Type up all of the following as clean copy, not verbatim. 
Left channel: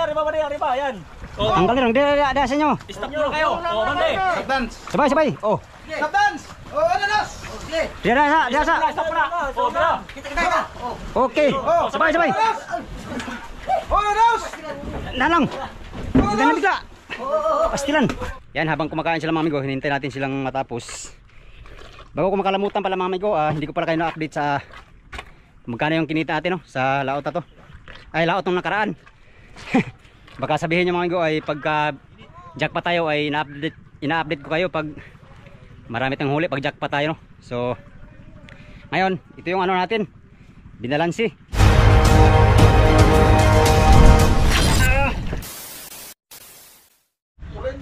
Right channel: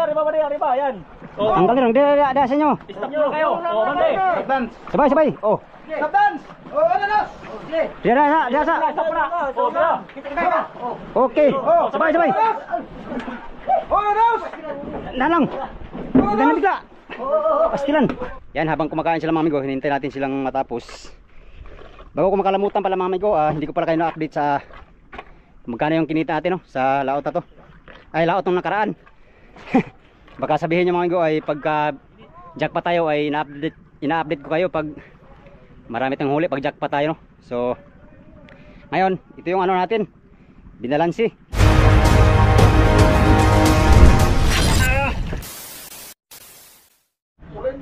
Arriba, yan. Tanggal nyo, ada sa inyo. Stop nyo kayo. Bande. Sabay. Oh. Stop dance! Oh, ano na? Dia sa. Stop na. Sobra. Okay. Sabay. Oh, ano? Nalang. Ganun bigla. Pastilan. Yan, habang kumakain sila mga amigo, hinintay natin silang matapos. Bago ko makalamutan pala mga amigo, hindi ko pala kayo na-update sa magkano yung kinita natin no, sa laot na to. Ay, laot nung nakaraan. Baka sabihin nyo mga amigo ay pagka jackpot tayo ay ina-update ko kayo pag marami tayong huli pag jackpot tayo no. So ngayon, ito yung ano natin, binalansi.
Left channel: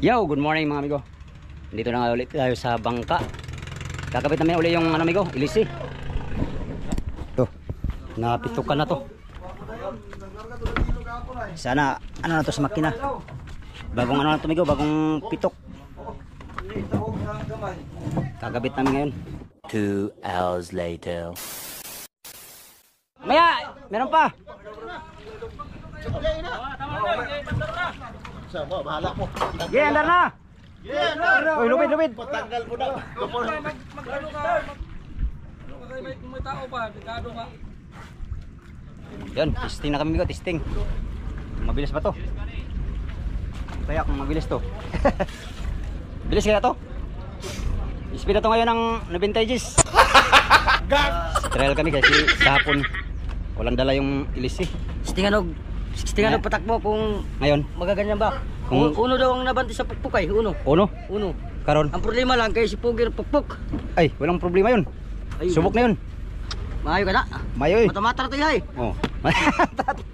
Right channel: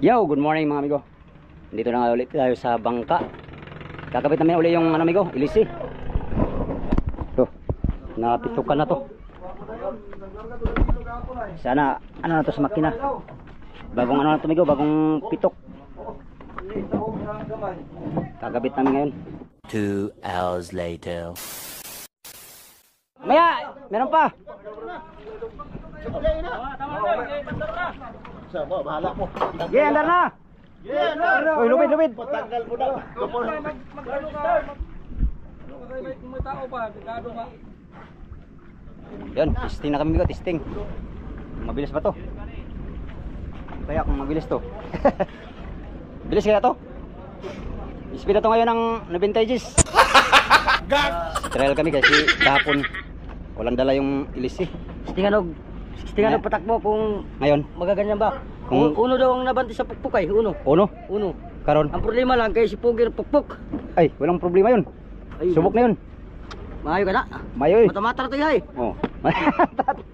Yo, good morning mga amigo. Dito na nga ulit tayo sa bangka. Kakabit namin ulit yung ano amigo, ilisi. Ito, napitukan na to. Sana ano na to sa makina. Bagong ano na to amigo, bagong pitok. Kakabit namin ngayon. 2 hours later. Maya, meron pa. Bahala mo. Andar na. Uy, lupit. Patanggal mo na. May tao pa, dekado ka. Yan, testing na kami amigo, testing. Mabilis ba to? Kaya kung mabilis to. Bilis kaya to? Speed na to ngayon ng 90 Gs. Trail kami kasi kahapon walang dala yung ilisi. Stinganog patakbo kung Ngayon, magaganyan ba? Kung- Uno daw ang nabanti sa pukpuk ay, uno. uno, karon. Ang problema lang kay si Pugir pukpuk. Ay, walang problema yun. Ay, Subok na yun. Maayo ka na. Mayo eh. Matamatara to hay. Oh.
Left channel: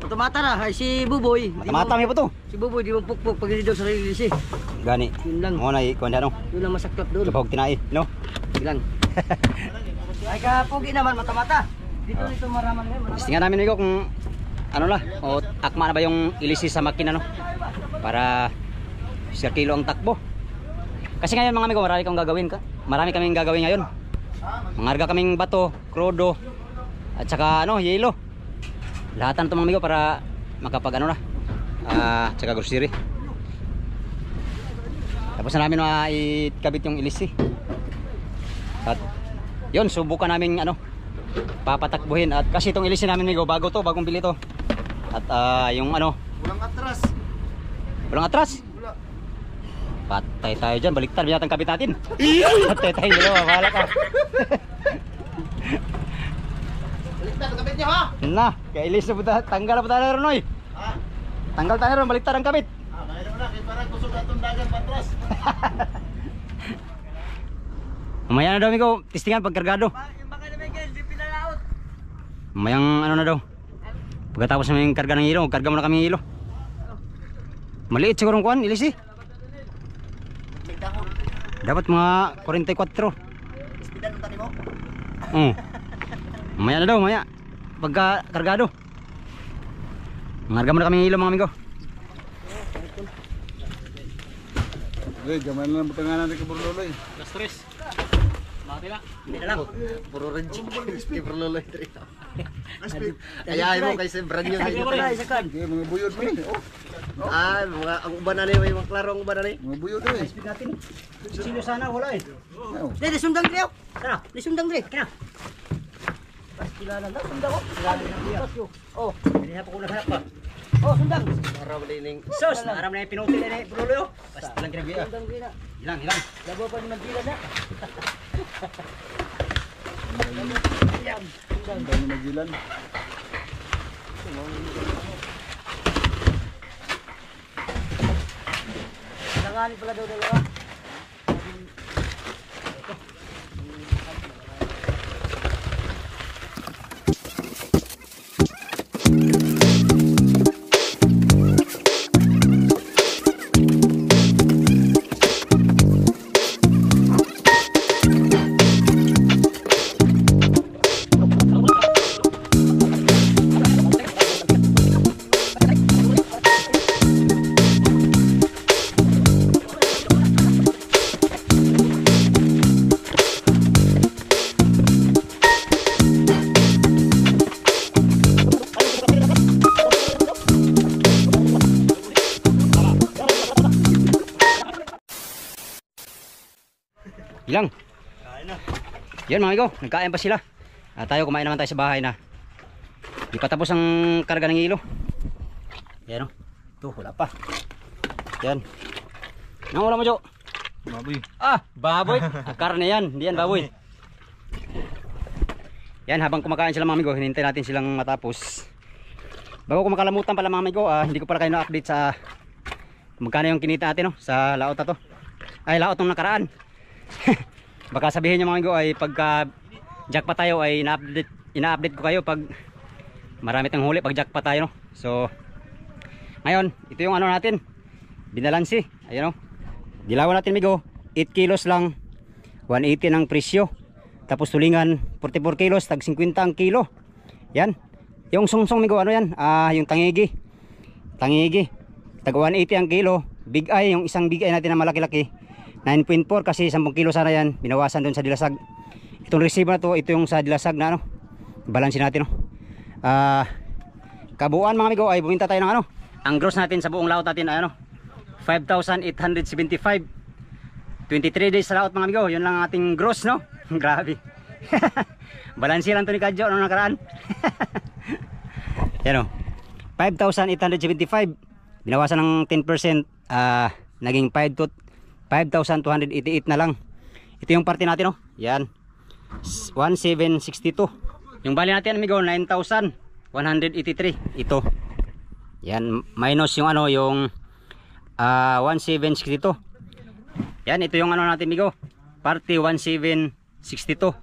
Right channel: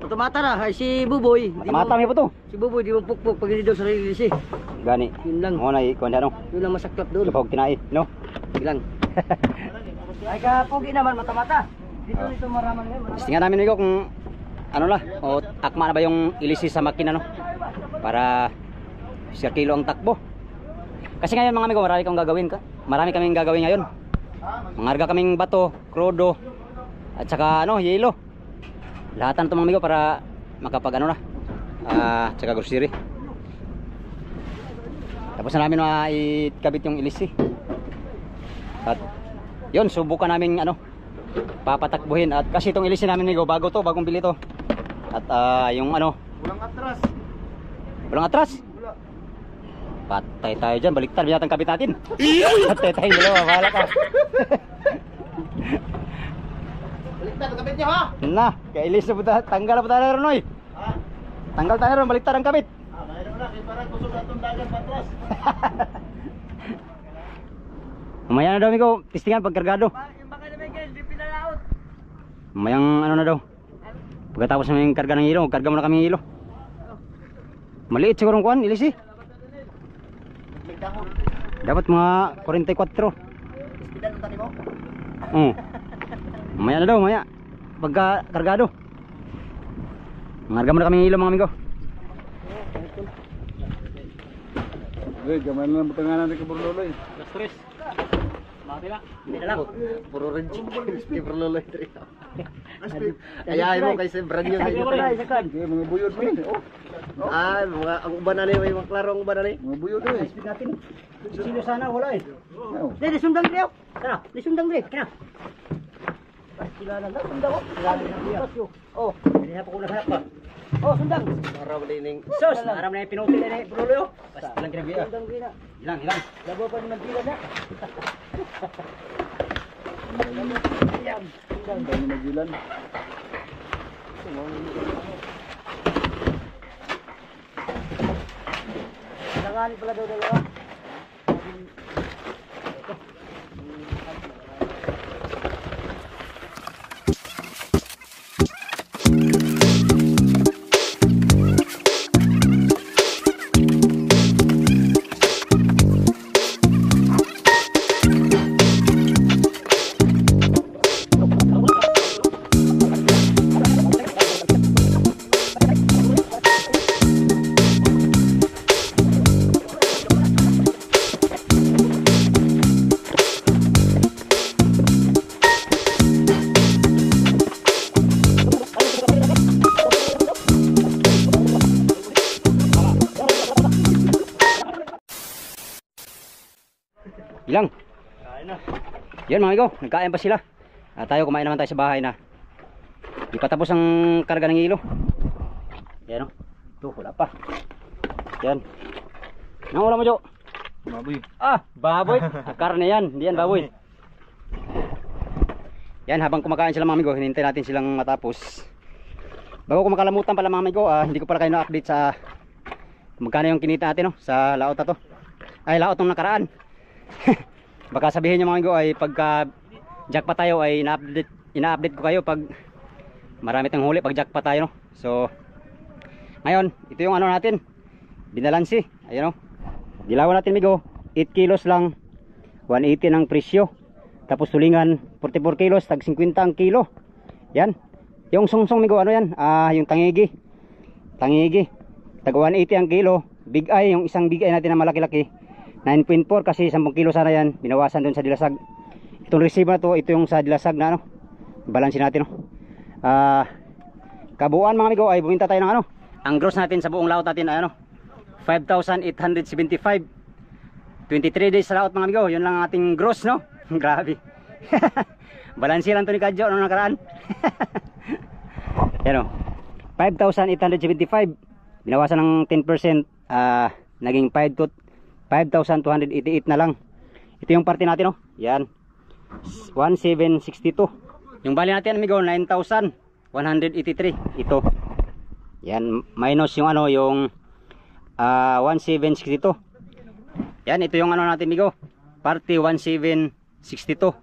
Matamatara hay si Buboy. Mata mo po to. Si Buboy di mo pukpuk pag hindi daw sa release. Gani. Yun lang. Mo na ikuan ano. Yun lang masaklap doon. Kapag tinai, no? Yun lang. Ay ka Pugi naman matamata. Dito maraman ngayon. Tingnan namin amigo kung ano na, o akma na ba yung ilisi sa makina no? Para 1 kilo ang takbo. Kasi ngayon mga amigo, marami kaming gagawin ngayon. Mangarga kaming bato, krodo, at saka ano, yelo. Lahatan to mga amigo para makapag ano na, tsaka grocery. Tapos na namin ikabit yung ilisi. At yun, subukan namin ano, papatakbuhin. At kasi itong ilisi namin amigo, bagong bili to. At yung ano, walang atras. Patay tayo dyan, baliktad binatang kabit natin. Patay tayo dalawa, bahala ka. Baliktad ang kabit niyo ha? Na, kailis na po tayo, tanggal na po tayo ron oy. Tanggal tayo ron, baliktad ang kabit. Mayroon na, kaya parang kusog na itong dagat patras. Mamaya na daw amigo, testingan pagkargado. Mamayang ano na daw. Pagkatapos namin karga ng hilo, karga mo na kami hilo. Maliit siguro ang kuhan, ilisi. Dapat mga 44. Mamaya na daw, mamaya. Pagka kargado. Mangarga mo na kami hilo mga amigo. Gamay na lang butangan natin kay Burloloy. Las 3. Hindi na lang. Puro reject. Kay Burloloy. Ayahin mo kay Sebran yun. Isakan. Mga buyod mo yun. Ah, mga ang uban na ni, may mga klaro ang uban na ni. Mga buyod eh. Speed natin. Sino sana wala eh. Di sundang dre. Kana? Di sundang dre. Kana? Kilala na, sundang ko. Kilala na siya. Oh, Hindi na pa ko naghanap pa. oh sundang. Araw ba ning Sus, naram na yung pinuti na yung pulo yo. Basta lang kinabiya. sundang dre na. Hilang. Labo pa ni Magdila na. Ang dami magilan. Nanganin pala daw dalawa. Ilang? Yan mga amigo, nagkain pa sila. Tayo kumain naman tayo sa bahay na. Di pa tapos ang karga ng ilo. Yan o. Ito, wala pa. Yan. Nang ulam mo, Jo? Baboy. Baboy. Karne yan, hindi yan baboy. Yan, habang kumakain sila mga amigo, hinintay natin silang matapos. Bago ko makalamutan pala mga amigo, hindi ko pala kayo na-update sa magkano yung kinita natin no, sa laot na to. Ay, laot nung nakaraan. Baka sabihin nyo mga amigo ay pagka jackpot tayo ay ina-update ko kayo pag marami tayong huli pag jackpot tayo no. So ngayon, ito yung ano natin, binalansi. Ayun o, dilawan natin amigo, 8 kilos lang, 180 ng presyo. Tapos tulingan 44 kilos, tag 50 ang kilo. Yan. Yung sungsong migo ano yan? Yung tangigi. Tangigi. Tag 180 ang kilo. Big eye, yung isang big eye natin na malaki-laki. 9.4 kasi 10 kilo sana yan. Binawasan doon sa dilasag. Itong receiver na to, ito yung sa dilasag na ano. Balansin natin no. Kabuuan mga migo ay buminta tayo ng ano. Ang gross natin sa buong laot natin ay ano, 5,875. 23 days sa laot mga migo. Yun lang ang ating gross no. Grabe. Balansi lang to ni Kadjo nung nakaraan. Yan o, 5,875. Binawasan ng 10%, naging 5,288 na lang. Ito yung parte natin o. Yan, 1,762. Yung bali natin amigo 9,183. Ito. Yan, minus yung ano, yung 1,762. Yan, ito yung ano natin amigo, parte 1,762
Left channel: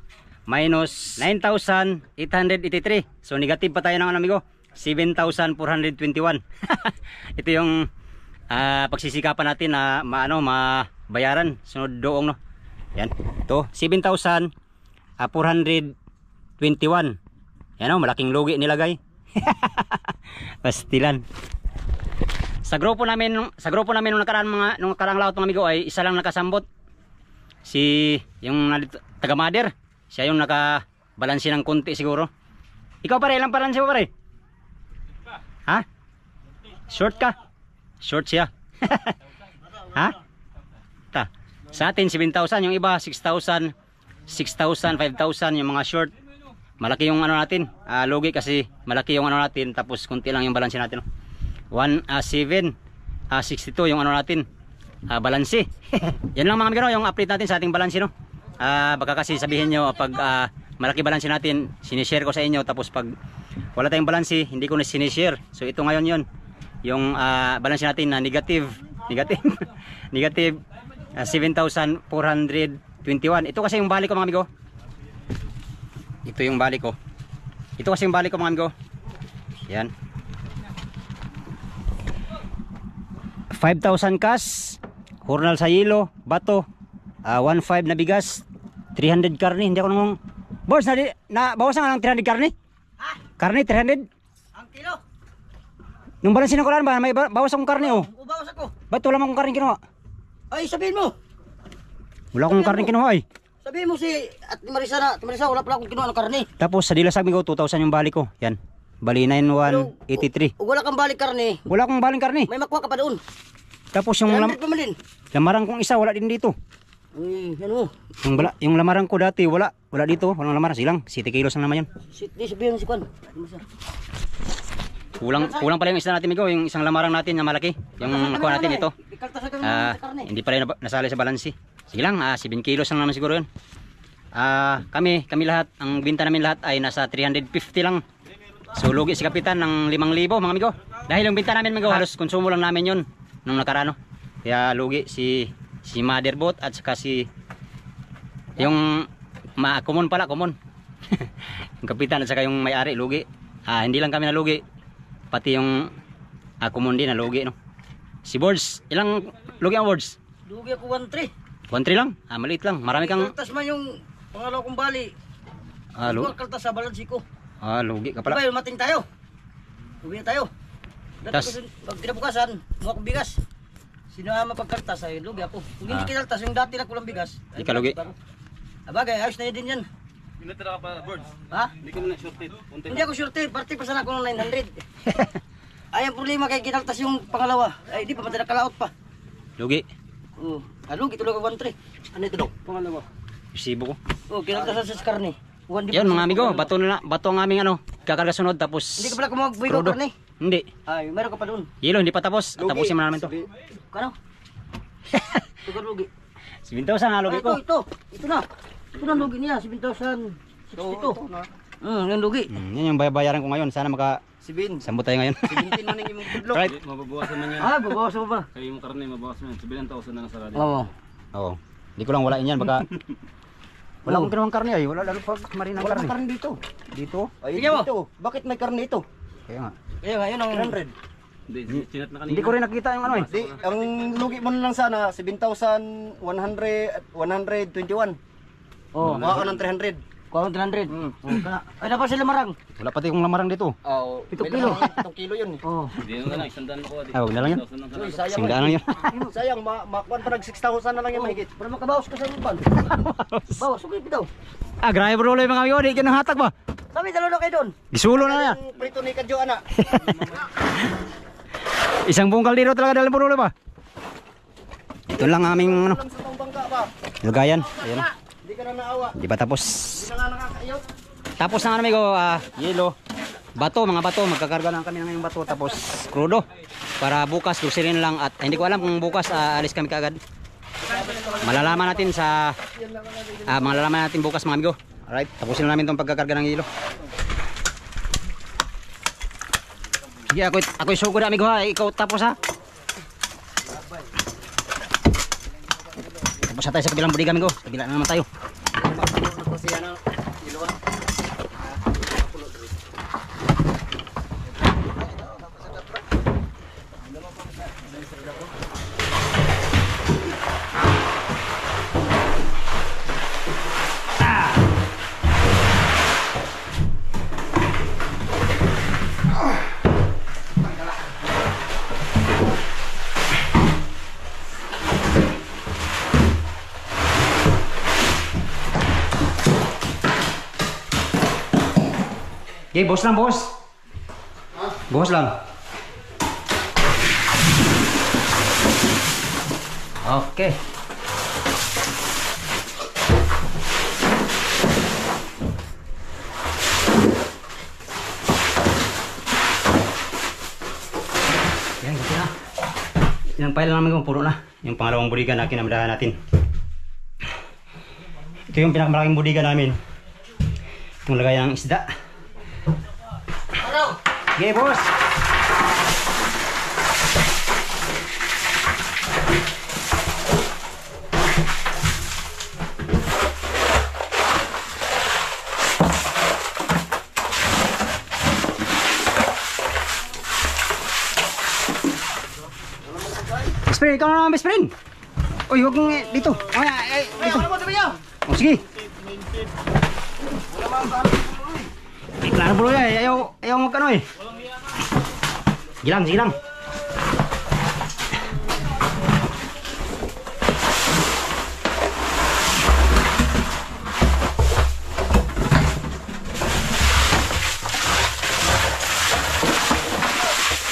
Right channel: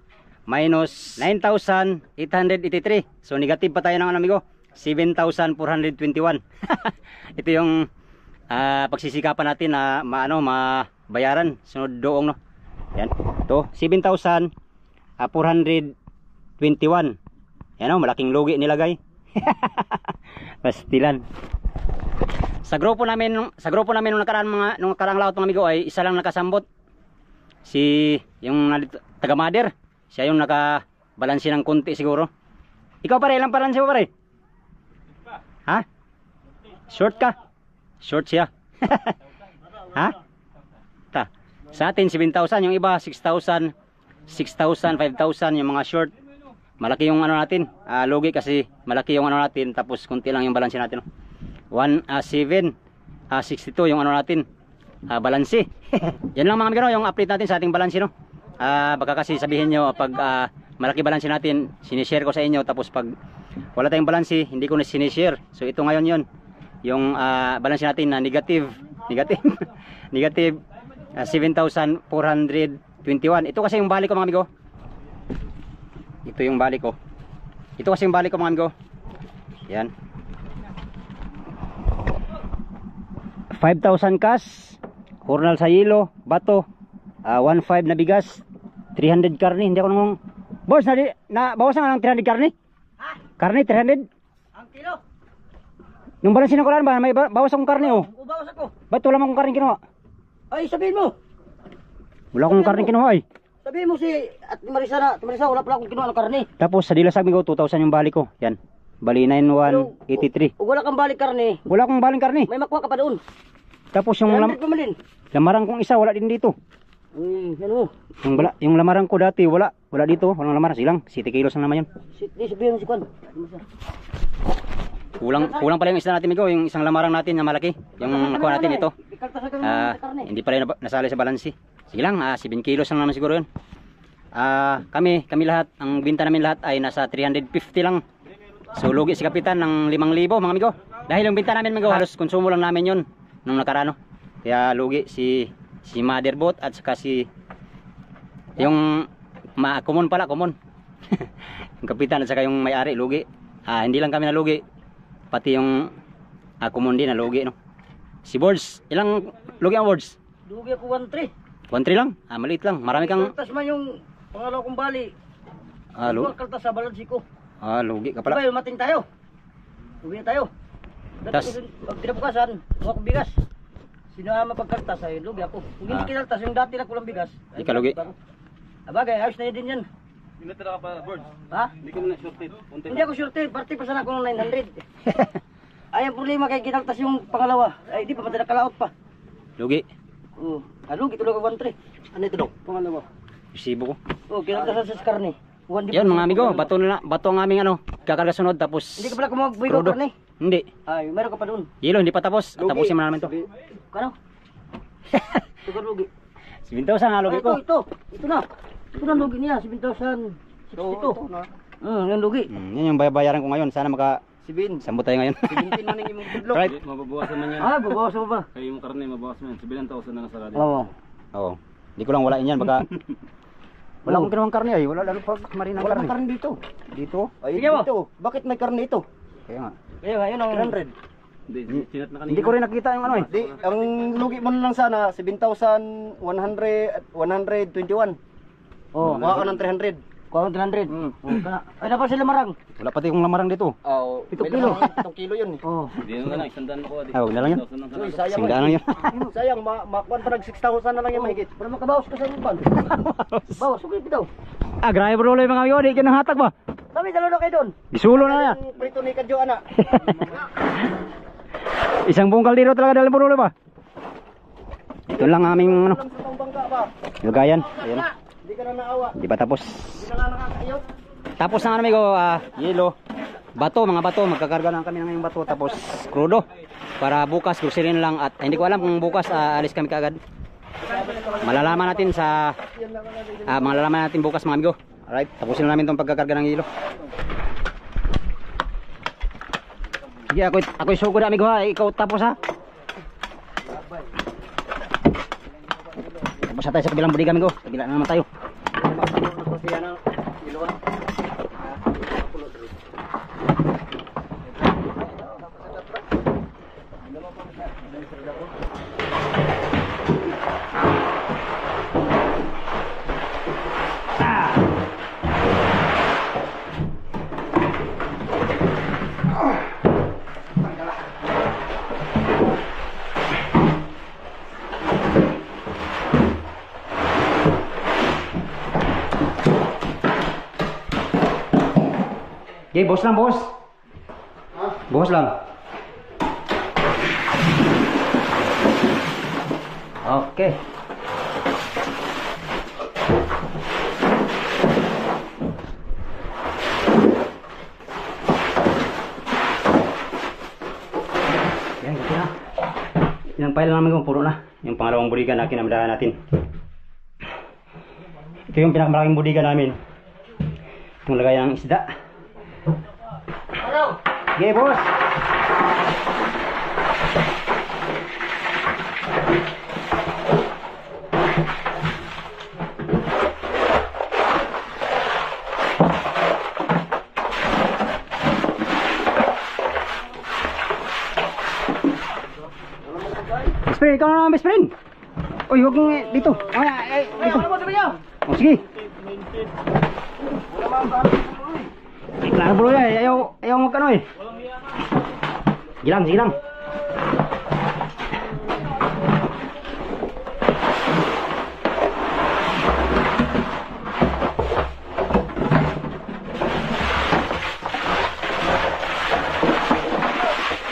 minus 9,883. So negative pa tayo ng ano amigo, 7,421. Ito yung pagsisikapan natin na mabayaran sunod doong no. Yan. Ito 7,421. Yan o, malaking lugi nilagay. Pastilan. Sa grupo namin nung nakaraan laot mga amigo ay isa lang nakasambot. Si yung taga Mother, siya yung nakabalansi ng konti siguro. Ikaw pare, ilang balansi mo pare? Ha? Short ka? Short siya. Ha? Ta. Sa atin 7,000, yung iba 6,000, 6,000, 5,000 yung mga short. Malaki yung ano natin, lugi kasi malaki yung ano natin, tapos konti lang yung balansi natin. 7,62 yung ano natin, balansi. Yan lang mga amigo, yung update natin sa ating balansi no. Baka kasi sabihin nyo pag malaki balansi natin, sinishare ko sa inyo, tapos pag wala tayong balansi, hindi ko na sinishare. So ito ngayon yon, yung balansi natin na negative negative 7,421. Ito kasi yung balik ko mga amigo. Ito yung balik ko. Ito kasi yung balik ko mga amigo. Yan. 5,000 cash, hurnal sa yelo, bato, 1,500 na bigas, 300 karne. Hindi ako nung boss na bawasan nga ng 300 karne. Ha? Karne 300. Ang kilo. Nung balansin ko lang ba may bawas akong karne oh. Ubawas ako. Ba't wala akong karne kinuha? Ay, sabihin mo. Wala akong karne kinuha ay. Sabihin mo si at Marisa wala pala akong kinuha ng karne. Tapos sa dilasag migo 2,000 yung balik ko. Yan. Bali 9,183. Ug wala kang balik karne. Wala akong baling karne. May makuha ka pa doon. Tapos yung Pamalin. lamarang kong isa wala din dito. Yan mo. Yung lamarang ko dati wala dito, walang lamarang silang 7 kilos lang naman yun. Di sabihin mo si Kwan. Kulang pala yung isa natin migo, yung isang lamarang natin na malaki. Yung nakuha natin ito. Hindi pala nasali sa balansi. Sige lang, 7 kilos lang naman siguro yun. Kami lahat, ang binta namin lahat ay nasa 350 lang. So lugi si kapitan ng 5,000 mga amigo. Dahil yung binta namin amigo, halos konsumo lang namin yun nung nakarano. Kaya lugi si Motherboat at saka si yung common. Yung kapitan at saka yung may-ari lugi. Hindi lang kami nalugi, pati yung common din nalugi no. Si Boards, ilang lugi ang Boards? Lugi ako 1-3. 1,3 lang? Maliit lang. Marami kang Kaltas man yung pangalaw kong bali. lugi. Kaltas sa balansi ko. Lugi ka pala. Diba, mating tayo. Lugi na tayo. Tas? Pag kinabukasan, mga kong bigas. Sinama pagkaltas ay lugi ako. Kung hindi kinaltas, yung dati na kulang bigas. Di ka lugi. Abagay, ayos na yun din yan. Pinatira ka pa, Boards. Ha? Hindi ka na shorted. Hindi ako sure, party pa sana ako ng 900. Ay, ang problema kay kinaltas yung pangalawa. Ay, di pa, madala kalaot pa. Lugi. Lugi, tulog ako 1-3. Ano ito daw? Pangalawa. Resibo ko. Oh, kinakasan sa karne. Yan mga amigo, bato ang aming ano, kakarga sunod tapos Hindi ka pala kumagbuy ko crudo. karne. Hindi. Ay, meron ka pa doon. Yelo, hindi pa tapos. Tapusin mo na namin to. Kano? Tugar lugi. 7,000 nga lugi ko. Ito na. Ito na lugi niya, 7,062. Yung lugi. Yan yung bayaran ko ngayon. Sana maka Sibin. sambo tayo ngayon. 17 man yung budlok. Right. Mababawasan man yan. Ah, babawas mo pa. Kayo yung karne, mabawasan man. 7,000 na lang sa radio. Oo. Oo. Hindi ko lang walain yan baka wala akong ginawang karne ay. Wala lalo pag marinang Wala karne. kang karne dito. Dito. Ay, dito. Bakit may karne ito? Kaya nga. Kaya nga, yun ang 100. Hindi, sinat na kanina. Hindi ko rin nakita yung ano eh. Di, ang lugi mo na lang sana, 7,121. Oo. Kuha ka ng 300. Kuha ka ng 300. Ay, dapat sila marang. Wala pati kong lamarang dito. Oo. 7 kilo. 7 kilo yun. Oo. Hindi na lang, isang daan ko. Ah, huwag na lang yan. Uy, sayang. Singdaan lang yan. Sayang, makuan pa nag 6,000 na lang yung mahigit. Para makabawas ka sa iban. Bawas, sugay daw. Ah, grabe bro yung mga amigo. Di ka nang hatag ba? Kami, dalawa na kayo doon. Gisulo na yan. Ang prito ni Kadyo, anak. Isang bungkal dito talaga dalang purulo ba? Ito lang aming ano, Alam sa tong bangka ba? lugayan. Ayan na. Hindi ka na naawa. Di pa tapos. Hindi na nga nakakayot. Tapos na amigo, yelo. Bato, mga bato. Magkakarga na kami ng ngayong bato. Tapos crudo. Para bukas, grocery na lang. At hindi ko alam kung bukas alis kami kaagad. Malalaman natin sa malalaman natin bukas mga amigo. Alright, tapusin na namin itong pagkakarga ng hilo. Sige, ako'y sugod na amigo ha. Ikaw tapos ha. Tapos na tayo sa kabilang budiga amigo. Kabila na naman tayo. Okay, boss lang, boss. Boss lang. Okay. Yan, ganti na. Yung pile namin kung puro na. Yung pangalawang budiga na kinamadahan natin. Ito yung pinakamalaking budiga namin. Itong lagayan ng isda. Okay, boss. Best friend, ikaw na naman best friend. Uy, huwag mong dito. Dito. Oh, sige. Klaro bro ya, ayaw magkano eh. Sige lang.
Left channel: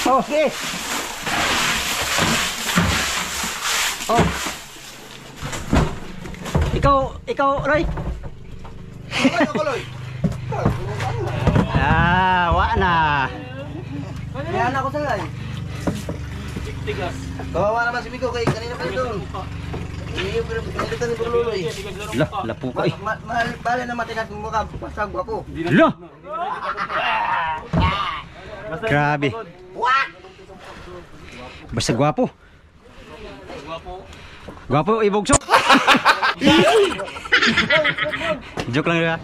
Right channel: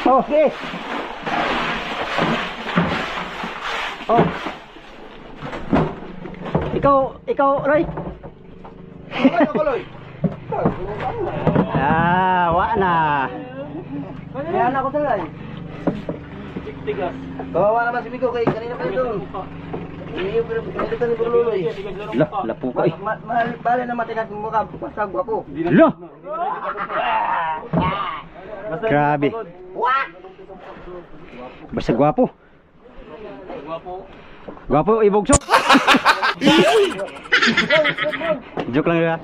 Oh, sige. Oh. Ikaw, Roy. Wa na. Kaya na ako sa guy. Tigas. Kawawa naman si Miko kay kanina pa doon. Iyo pero pinalitan ni Bruloy. Lapu ka eh. Bale na matinat mo ka pasag ako. Lo. Grabe. Basta gwapo. Gwapo ibogsok. Joke lang ya.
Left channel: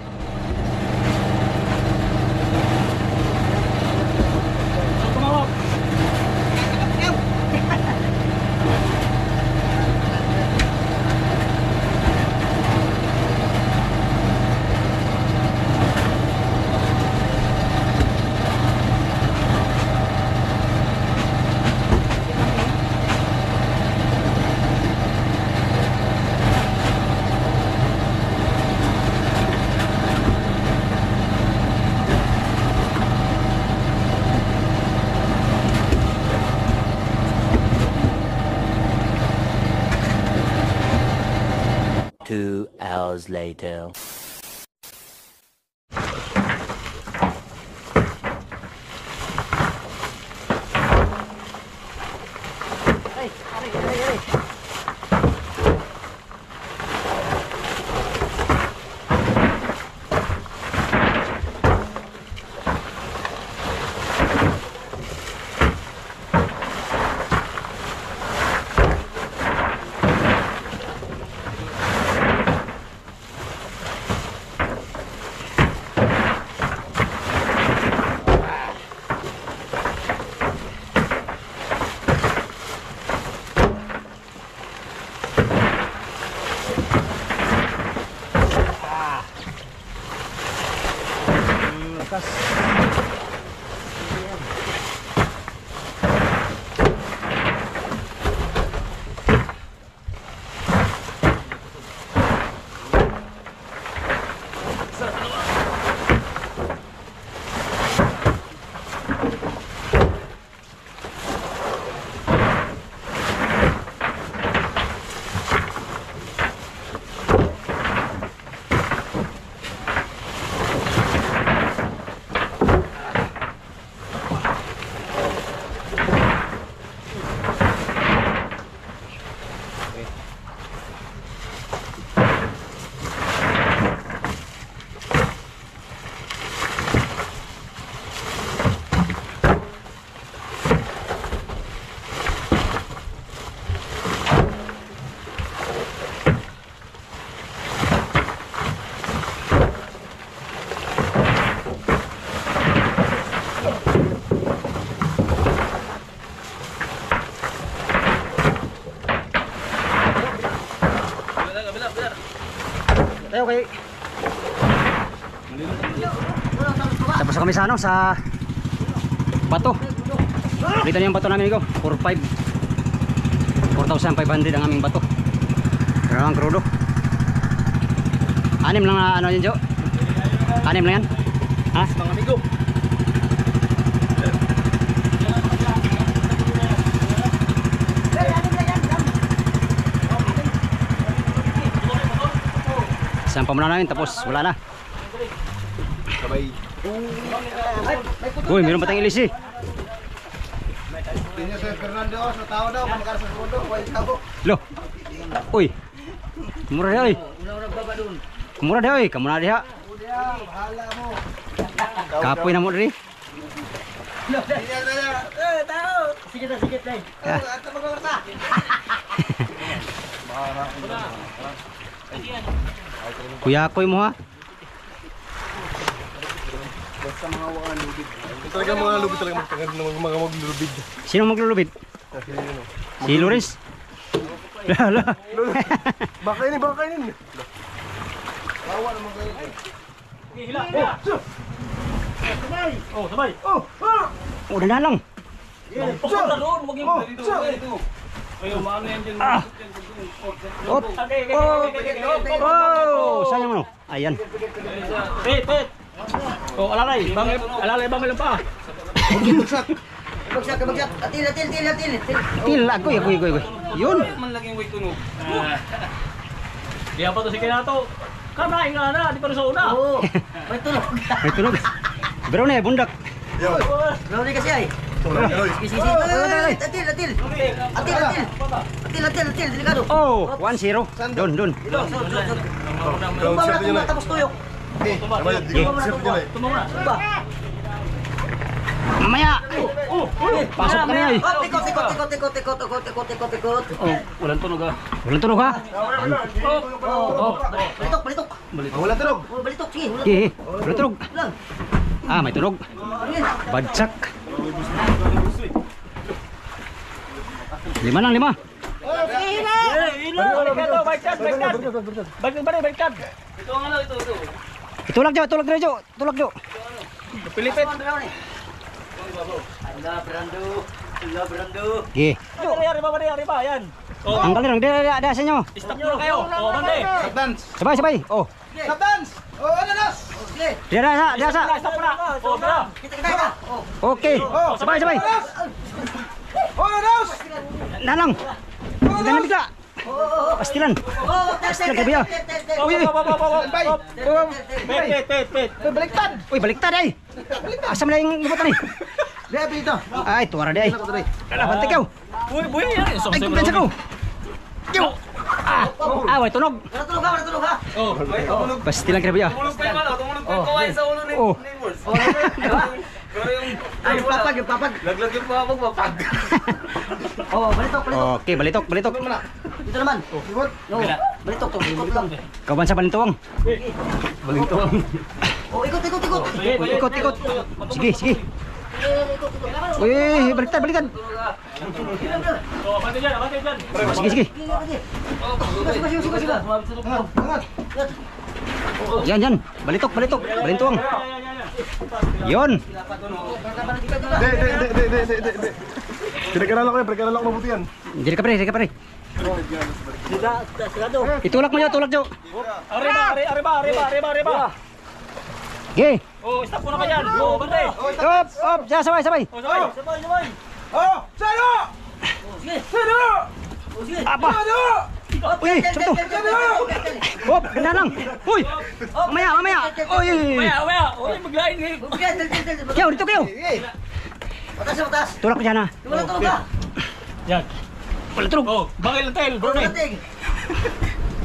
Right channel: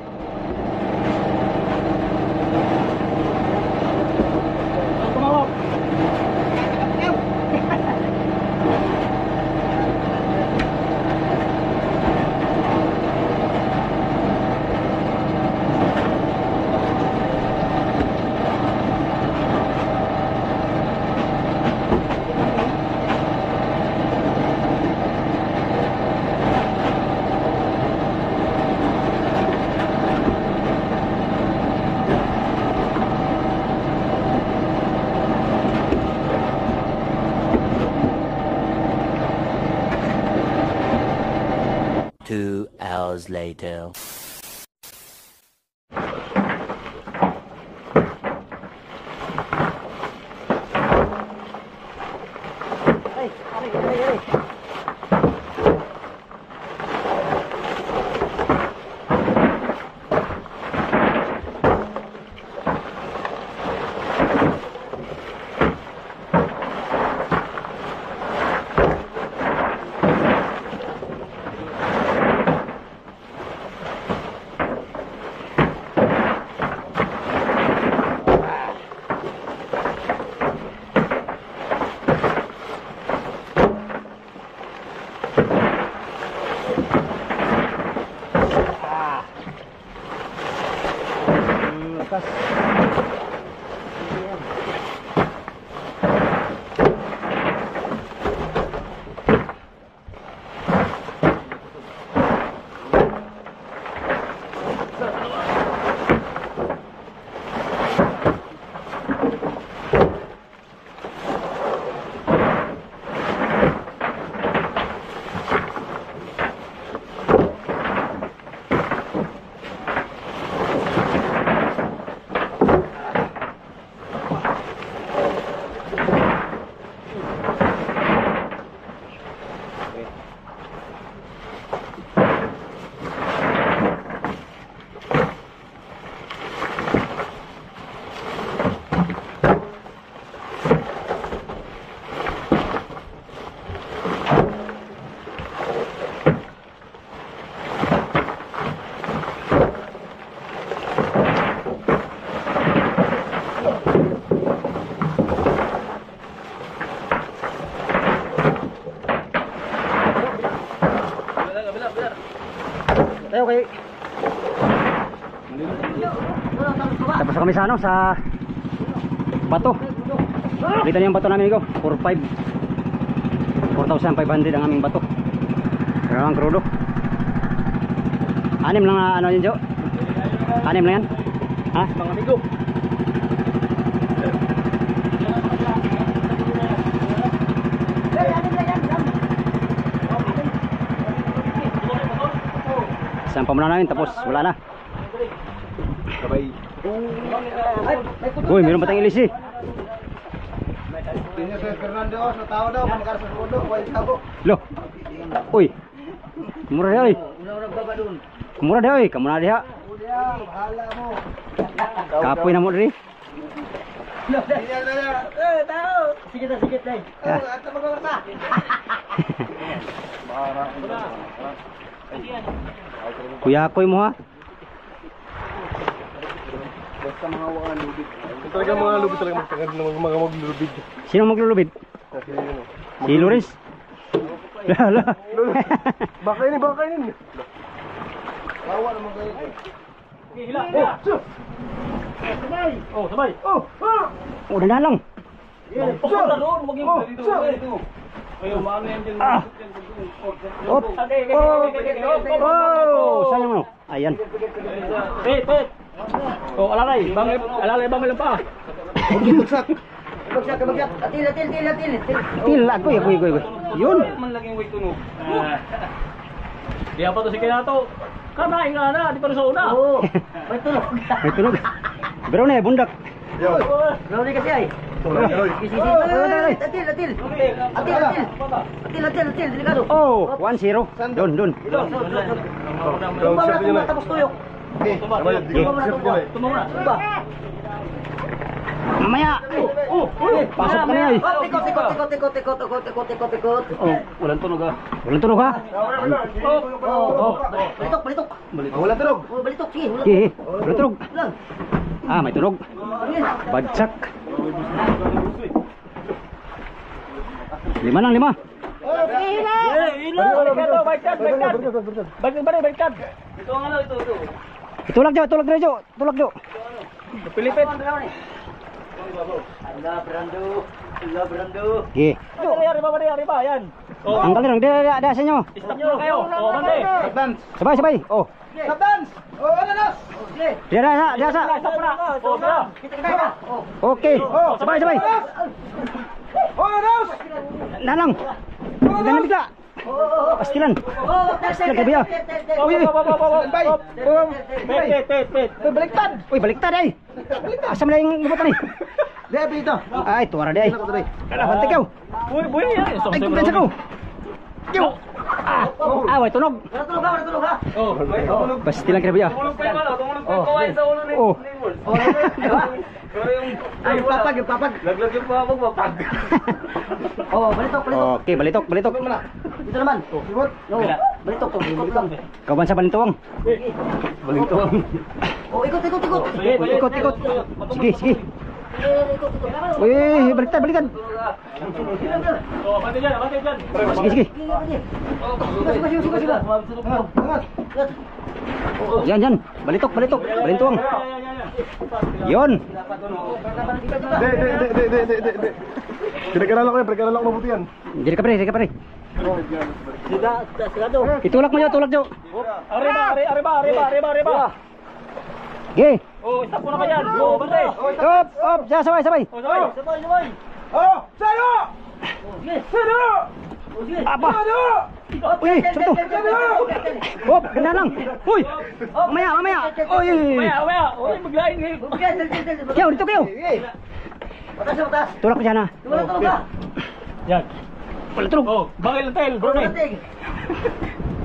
2 hours later. Ay, ari. Lakas. Tayo kay. Tapos na kami sa ano, sa bato. Dito na yung bato namin, amigo. 4,500 ang aming bato. Pero ang krudo. 6 lang na ano yun, Jo? 6 lang yan? Ha? Mga amigo. Isang pamunan namin, tapos wala na. Sabay. Uy, meron pa tayong ilis eh. Tingnan sa Fernando, sa tao daw, pagkara sa kodo, kuha ikaw. Lo. Uy. Mura dia oy. Mura dia oy, kamu na diha. Bahala mo. Kapoy na mo diri. Sige na, sige na. Ato magkakata. Kuya koy mo ha. Basta mga wakan lubid. Talaga mga lubid talaga mga maglulubid. Sino maglulubid? Si Loris. Lala. Baka ini. Bawa naman kayo. Oh, sabay. Oh, dandan lang. Pagpunta doon, wag yung dito. Ayaw, maano yan dyan. Op. Oh, sayang mo. Ayan. Pet. Oh, alalay bangil pa. Bagsak. Atil. Til ako. Yun. Man lang yung way tunog. Di apa to si Kinato. Kanain nga na, di pa rin sa una. Oo. May tulog. May tunog. Bro na bundak. Grabe kasi ay. Sisi. Atil. Delikado. Oh, 1-0. Don. Tumba na tapos tuyok. Tumong na. Tumba. Mamaya. Pasok kami ay. Tikot. Oh, walang tunog ah. Walang tunog ha. Balitok. Wala tunog. Balitok, sige. Okay, walang tunog. Lang. Ah, may tunog. Badsak. 5 lang. Baliktad. Ito ang ano, ito. Tulak Jo. Pilipit. Okay. Arriba, yan. Oh, Ang galing, ada sa inyo. stop na kayo. Oh, bande. Dance. Sabay. Oh. Dance. Oh, ano nas? Dia sa. Stop na. Oh, tara. Kita. Okay. Sabay. Oh, ano nas? Nalang. Jangan bigla. Pastilan. Pastilan grabe ah. Uy, Baliktad. uy, baliktad ay. Asam na yung lubutan eh. Dito, dito. Ay, tuwara di ay. Bantik yaw. Buhi yan. Ay, kumpensa ko. Yaw. Way tunog. Wala tulog ha. Pastilan grabe ah. Oh. Ay, papag, papag. Laglag yung papag. Oh, balitok. Okay, balitok. Dito naman. No, balitok to. Ikot lang. Kawan sa palintuwang. Oh, ikot. Ikot. Sige. Uy, baliktad. Oh, abante dyan. Sige. Sige. Yan. Balitok. Palintuwang. Yon. De. Pinag-aralan ko mabuti yan. Dili ka pre. Itulak mo yo. Arriba. Ge. Oh, stop mo na ka dyan. Oh, bante. Op, sabay. Oh, sabay. Apa? Uy, sabto. Op, ganda lang. Uy. Mamaya. Uy. Maya. Oh, maglain eh. Kayo, dito kayo. Batas. Tulak ko dyan ha. Wala tulog ha. Yan. Wala tulog. Oh, bakit lang tayo, bro? Batig.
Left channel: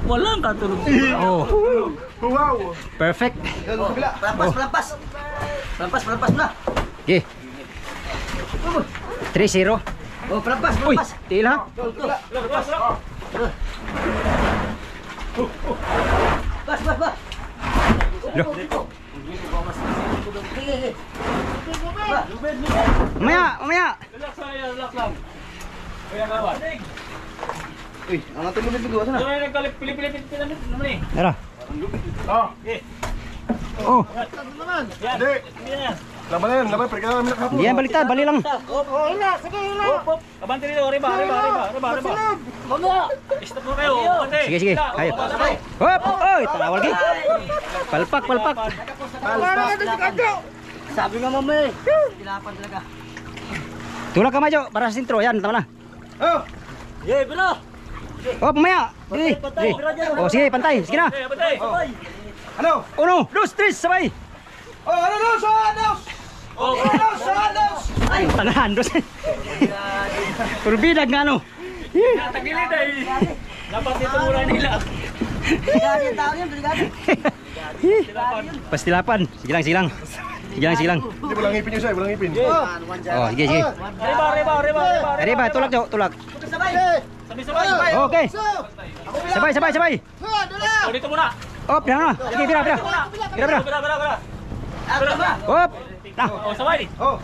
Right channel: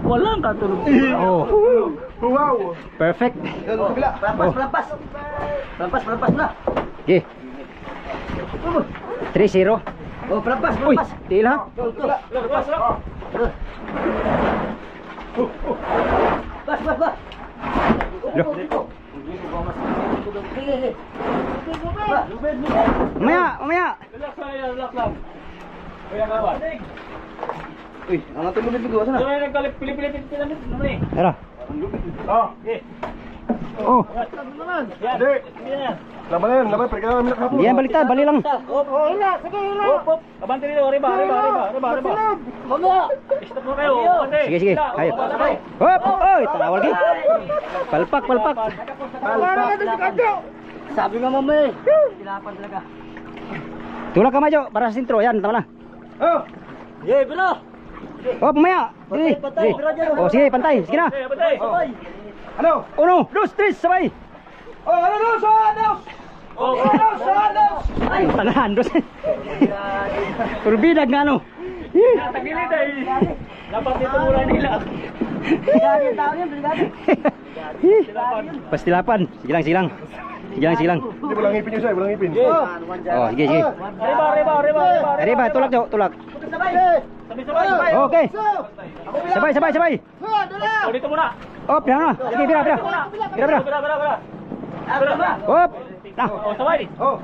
Walang katulog. Oh, Wow. perfect. Pelampas na. Ge. 3-0. Oh, pelampas. Uy, tiil ha. Bas. Loh. Sige. Mamaya. Relax lang. Kuya kawan. Uy, ang ating lubid ko. Saan na? Ano yung nagkalip, Pilipit naman eh. Tara. Okay. Oh, Yan. Hindi. Yan. Laban na yan. Pinag-aralan namin kahapon. hindi yan baliktad. Bali lang. Hop. Abante dito, arriba. Stop mo kayo. Abante. Sige. Kayo. Hop. Oy, tawal ge. Palpak. Sabi nga mama eh. Kilapan talaga. Tulak ka Majo para sa sintro. Yan, tama na. Oh. Yeah, bro. Hop, mamaya. Dili. Oh, sige, pantay. Sige na. Okay, abante. Ano? 1, 2, 3, sabay. Oh, ano? Oh, Ay, tanahan dos. Turbidag nga ano. tagilid ay. Dapat dito muna nila. Brigada yung tao yun, brigada. Pastilapan. Sige lang. Hindi, walang ngipin yun, walang ngipin. Oh, sige. Arriba. Tulak Jo, tulak. Sabay. Sabay. Okay. Sabay. Oh, dito muna. Oh, pira na. Sige, pira. Bira. Hop. Na. Oh, sabay. Oh.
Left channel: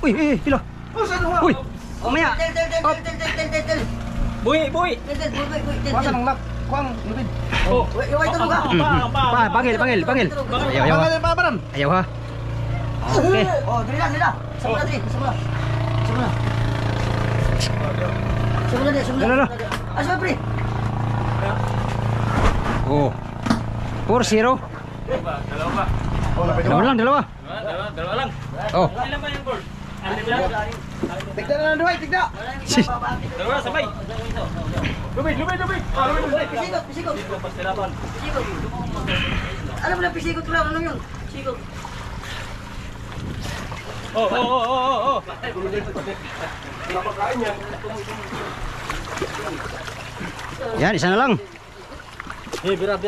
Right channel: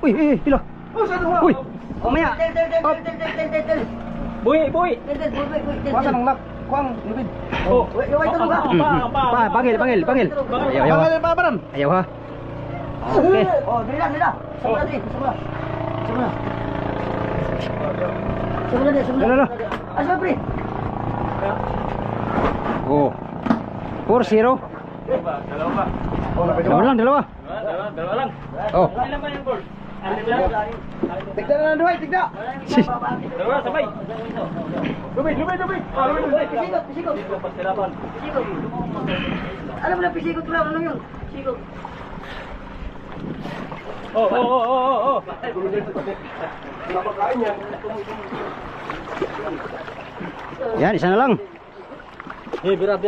Uy, pilo. Uy. Mamaya. Tel. Buhi. Masa nang nak? Kuang, lubid. Oh. Iway tulog ha. Panggil. Ayaw ha. Paparam. Ayaw ha. Okay. Oh, dili na. Sama na. Lalo. Asa pre? Oh. 4-0. Dalawa pa. Oh, lapit Dalawa lang. Dalawa lang. Oh. Ilan ba yung goal? Tigda na lang, tigda. Dalawa, sabay. Lubid. Pisikot. Pastilapan. Alam mo na pisikot ko lang, ano yun? Pisikot. Oh. Yan, isa na lang. Eh, bira.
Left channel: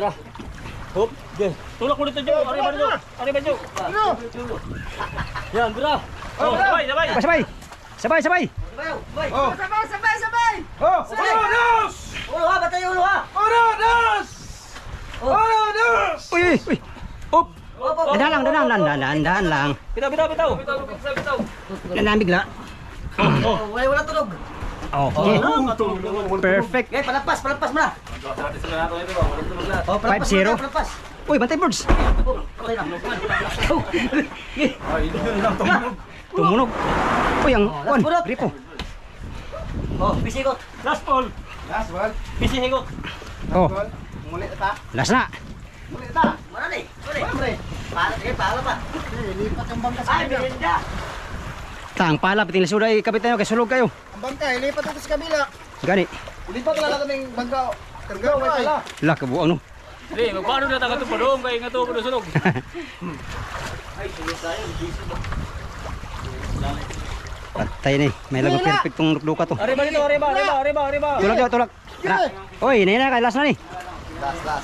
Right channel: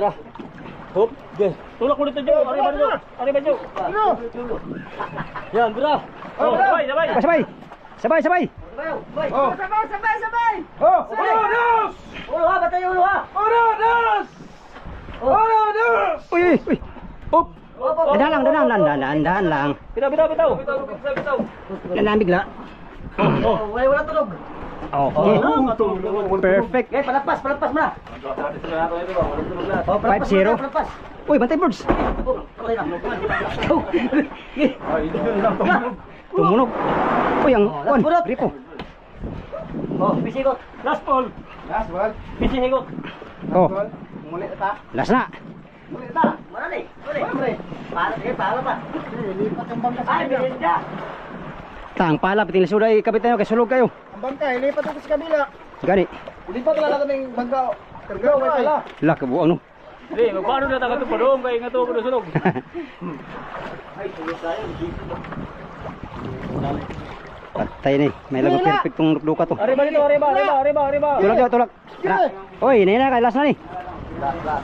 Hop. Okay. Tulak mo dito, Jo. Arriba, Jo. Yan, bira. Oh, sabay. Sabay. Oh. Sabay. Oh, dos. Ulo ha, batay ulo ha. Dos. Uy. Hop. Op. Dahan lang. Bitaw. Dahan bigla. Wala tulog. Okay. Perfect. Okay, palampas mo na. Oh, 5-0. palampas. Uy, bantay birds. Okay na. Tumunog. Uy, ang last pulot. gripo. Oh, pisikot. Last ball. Last one. Pisihigot. Oh, Muli ta. last na. Mana ni? Para pa. Lipat yung bangkas. Ay, merinda. Tang pala piting lisuda ay kapitan kay sulog kayo. Ang bangkay, lipat ito sa kabila. Gani. Lipat talaga kaming bangka. Karga, may pala. La kabuang no. Di, magpaano na taga ito pa doon kaya nga ito ko sunog. Patay ni. May lago perfectong duka to. Arriba dito, arriba. Tulak daw, tulak. Oy, hinay na kay last na ni.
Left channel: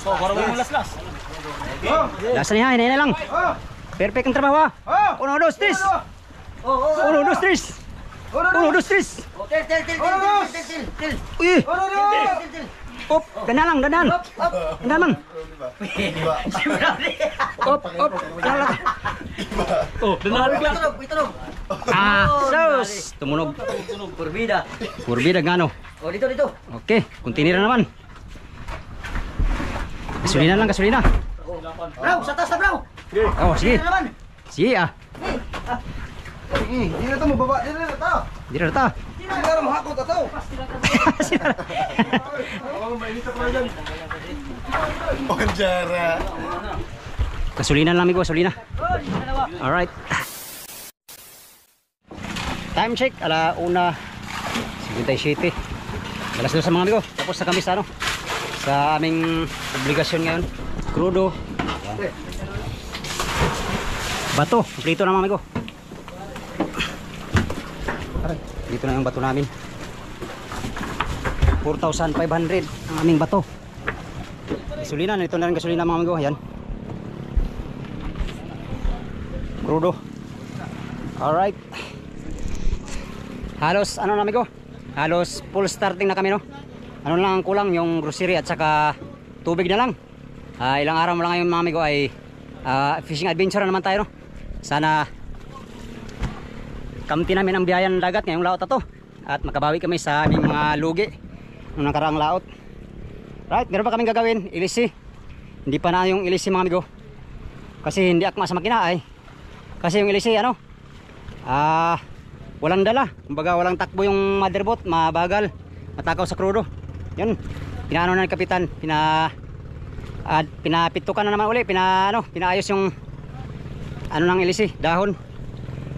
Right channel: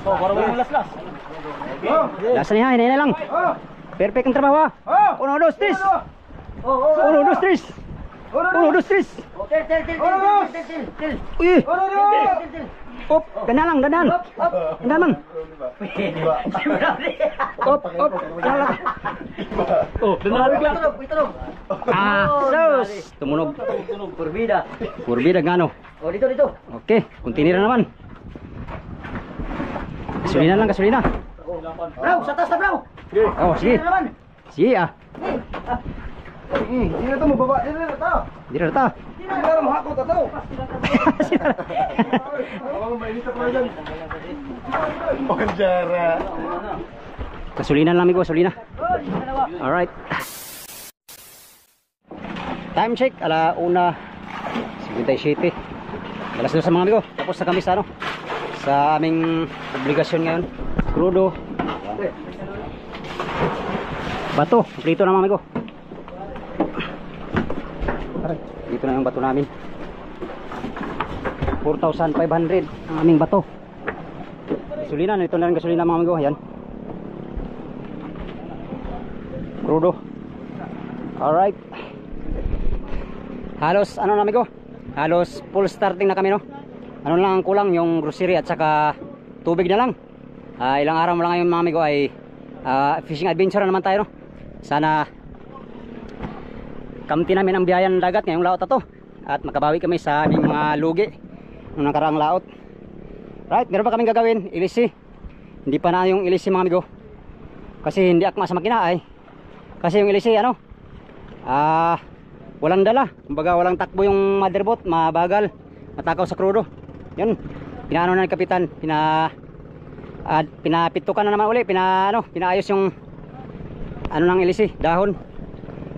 So, parang yung las. Last na ni ha, hinay na lang. Perfect ang trabaho ha. 1, 2, 3. 1, 2, 3. 1, 2, 3. Til. Uy. Op, dandan lang. Dandan. Op. Lala. Oh, danarig lang. Itunog. Sus, tumunog. Purbida. Kurbida ngano. Oh, dito. Okay, continue na naman. Gasolina. Bro, sa taas na bro. Oh, sige. Dito naman. Sige ah. Hindi na ito mababa. Hindi na ito. Di na ta. Hindi na mahakot ito. Ang mainit ako na dyan. Bonjara. Gasolina lang amigo, gasolina. Alright. Time check, 1:57. Alas 2 sa mga amigo. Tapos na kami sa ano, sa aming obligasyon ngayon. Crudo. Bato, dito na mga amigo. Aray, dito na yung bato namin. 4,500 ang aming bato. Gasolina, nito na rin gasolina mga amigo. Ayan. Crudo. Alright. Halos ano na amigo? Halos full starting na kami no. Ano lang ang kulang yung grocery at saka tubig na lang. Ilang araw mo lang ngayon mga amigo ay fishing adventure na naman tayo no. Sana kamti namin ang biyaya ng dagat ngayong laot na to at makabawi kami sa aming mga lugi nung nakaraang laot. Right, meron pa kaming gagawin, ilisi. Hindi pa na yung ilisi mga amigo. Kasi hindi akma sa makina ay. Kasi yung ilisi ano? Walang dala. Kumbaga walang takbo yung motherboard, mabagal, matakaw sa crudo. Yun. Pinaano na ni kapitan, pinapitukan na naman uli, pinaayos yung ano ng ilisi, dahon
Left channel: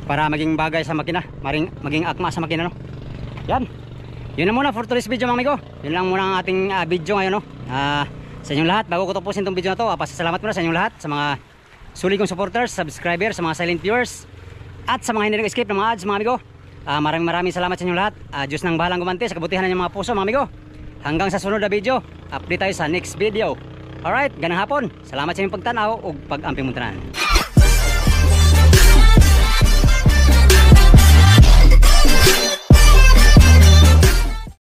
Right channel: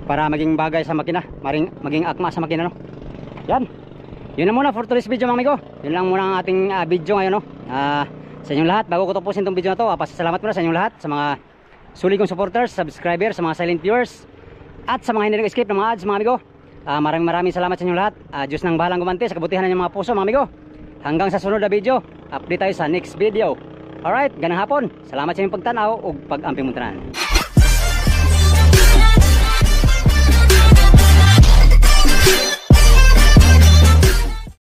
para maging bagay sa makina, maging akma sa makina no. Yan. Yun na muna for today's video mga amigo. Yun lang muna ang ating video ngayon no. Sa inyong lahat, bago ko tapusin tong video na to, pasasalamat muna sa inyong lahat, sa mga sulit kong supporters, subscribers, sa mga silent viewers, at sa mga hindi nag-escape ng mga ads mga amigo. Maraming salamat sa inyong lahat. Diyos nang bahalang gumanti sa kabutihan ng mga puso mga amigo. Hanggang sa sunod na video, update tayo sa next video. Alright, ganang hapon. Salamat sa inyong pagtanaw o pag-amping muntanan.